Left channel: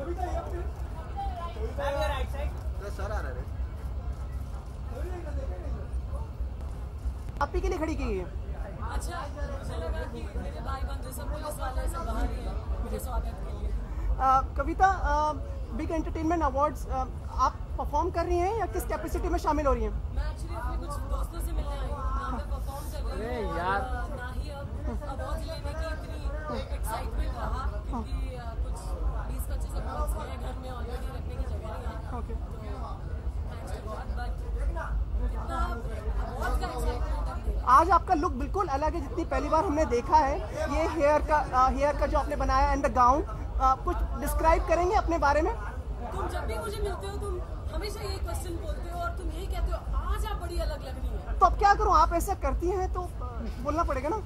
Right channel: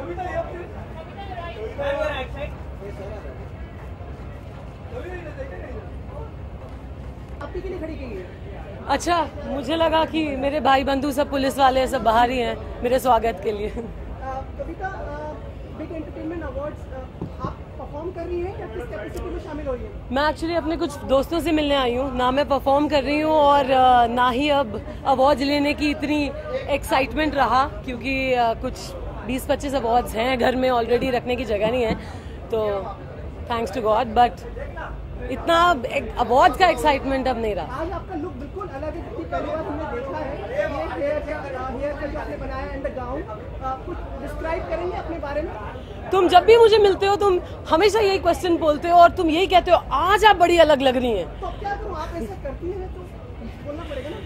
आप ही के लिए खड़ी की है? अच्छा, मुझे लगा कि मेरे भाई बंधु सब पुलिस वाले सब बाहर ही हैं मेरे स्वागत के लिए। कविता, बिग एंटरटेनमेंट अवार्ड्स आप परफॉर्म कर रही हैं या किस कैपेसिटी में शामिल हो रही हैं? मैं एक्चुअली अपने कुछ दोस्तों से मिलने आई हूँ, ना मैं परफॉर्म कर रही हूँ और ना ही अब अवार्ड लेने की इतनी एक्साइटमेंट रहा, क्योंकि कुछ 20-25 अवार्ड्स हैं घर में, ऑलरेडी रखने की जगह नहीं है, तो थैंक्स टू गॉड, बट इतना अवार्ड का एक्साइटमेंट अब नहीं रहा। आज आपका लुक बिल्कुल अलग है, जितनी पहली बार हमने देखा है। ये हेयर का जो आपने बनाया एंड द गाउन, कुछ डिस्क्राइब करेंगे अपने बारे में? तुम जब भी मुझे मिलते हो तुम हमेशा यही क्वेश्चन बोलते हो और तुम यही कहते हो आज आप बड़ी अलग लग रही हैं। तो अब क्या करूं, आप ऐसा करती हैं तो बोलना पड़ेगा ना।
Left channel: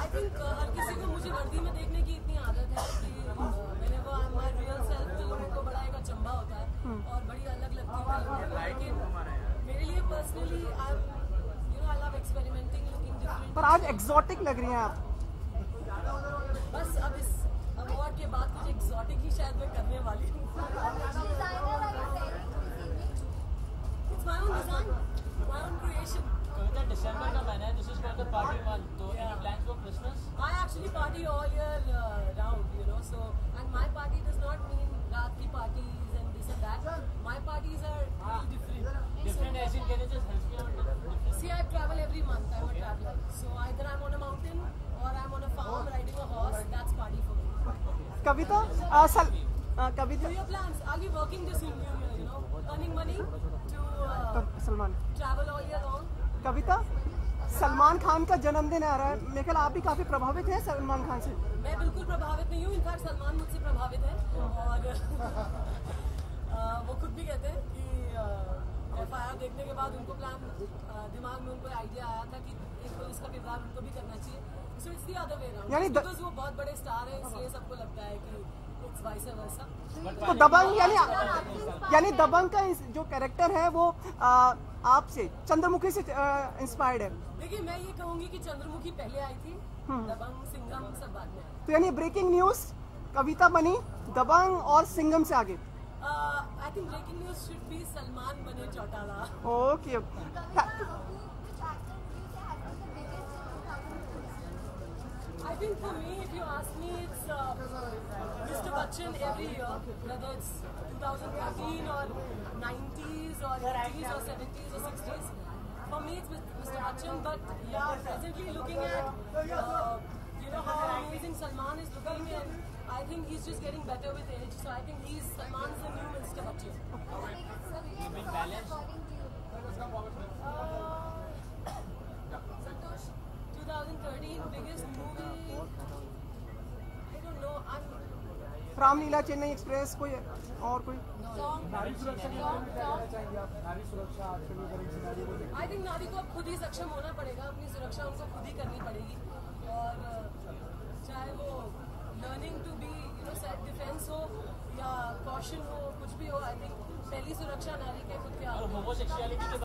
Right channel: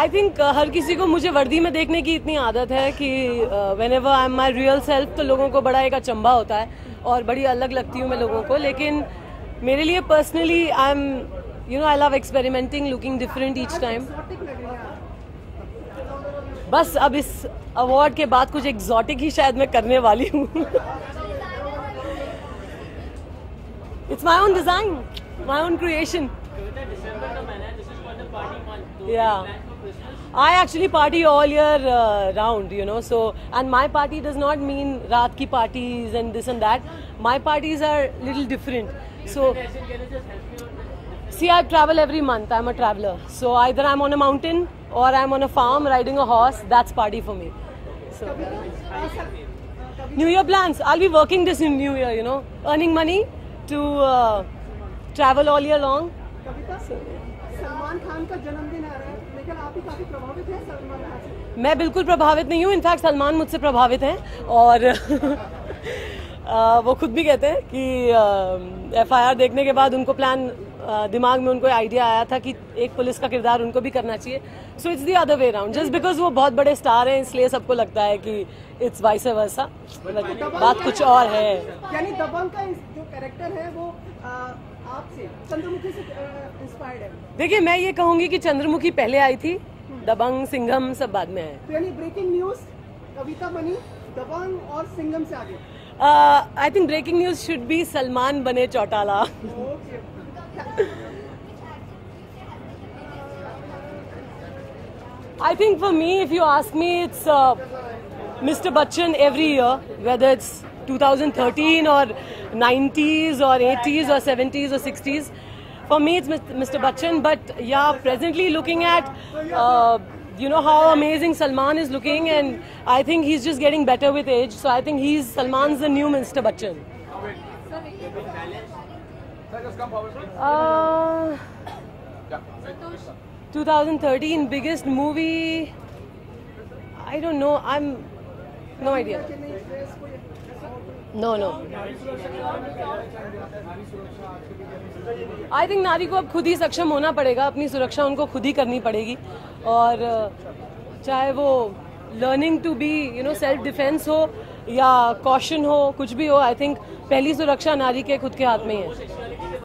आई थिंक हर किसी को मुझे वर्दी में देखने की इतनी आदत है कि whenever I am my real self तो लोगों को बड़ा एक अचंभा होता है और बड़ी अलग लगती हूँ मैं लोगों को, लेकिन मेरे लिए personally I am I love experimenting, looking different each time. Exotic लग रही हैं आप। बस अब इस अवार्ड के बाद कुछ एग्जॉटिक ही शायद मैं करने वाली हूँ। It's my own design, my own creation. Yeah, I actually party all year round, so, and my party does not mean raat ki parties and this and that. My parties are little different. So, see, I travel every month. I'm a traveler. So either I'm on a mountain or I'm on a farm riding a horse. That's party for me. So, New Year plans. I'll be working this in New Year, earning money to travel all year long. कविता, सलमान खान का जन्मदिन आ रहा है, लेकिन आप भी काफी प्रभावित हैं सलमान खान से। मैं बिल्कुल प्रभावित नहीं हूँ, इनफैक्ट सलमान मुझसे प्रभावित हैं और वो खुद भी कहते हैं कि FIR देखने के बाद उनको दिमाग में उनको आइडिया आया था कि एक पुलिस का किरदार उनको भी करना चाहिए। So it's the other way around, just because वो बहुत बड़े स्टार हैं इसलिए सबको लगता है कि इट्स वाइस वर्सा, बात कुछ और है। यानी दबंग का जो कैरेक्टर है वो आपसे, चंद्रमुखी से इंस्पायर्ड है। देखिए, मैं ये कहूंगी कि चंद्रमुखी पहले आई थी, दबंग सिंघम सब बाद में है। तो यानी ब्रेकिंग न्यूज कविता बनी दबंग और सिंघम से आगे। I think breaking news should be Salman बने Chautala. Okay. I think for me, if you ask me, it's Mr. Bachchan every year, whether it's 2013 or 90s or 80s or 70s or 60s. For me, it's Mr. Bachchan. But yeah, presently looking at, how amazing Salman is looking, and I think he's just getting better with age. So I think Salman's the new Mr. Bachchan. 2013 biggest movie, I don't know, no idea. No. I think नारी को अब खुद ही सक्षम होना पड़ेगा, अपनी सुरक्षा उनको खुद ही करनी पड़ेगी, और चाहे वो learning to be self defence हो या कॉशन हो, कुछ भी हो, आई थिंक पहली सुरक्षा नारी के खुद के हाथ में ही है।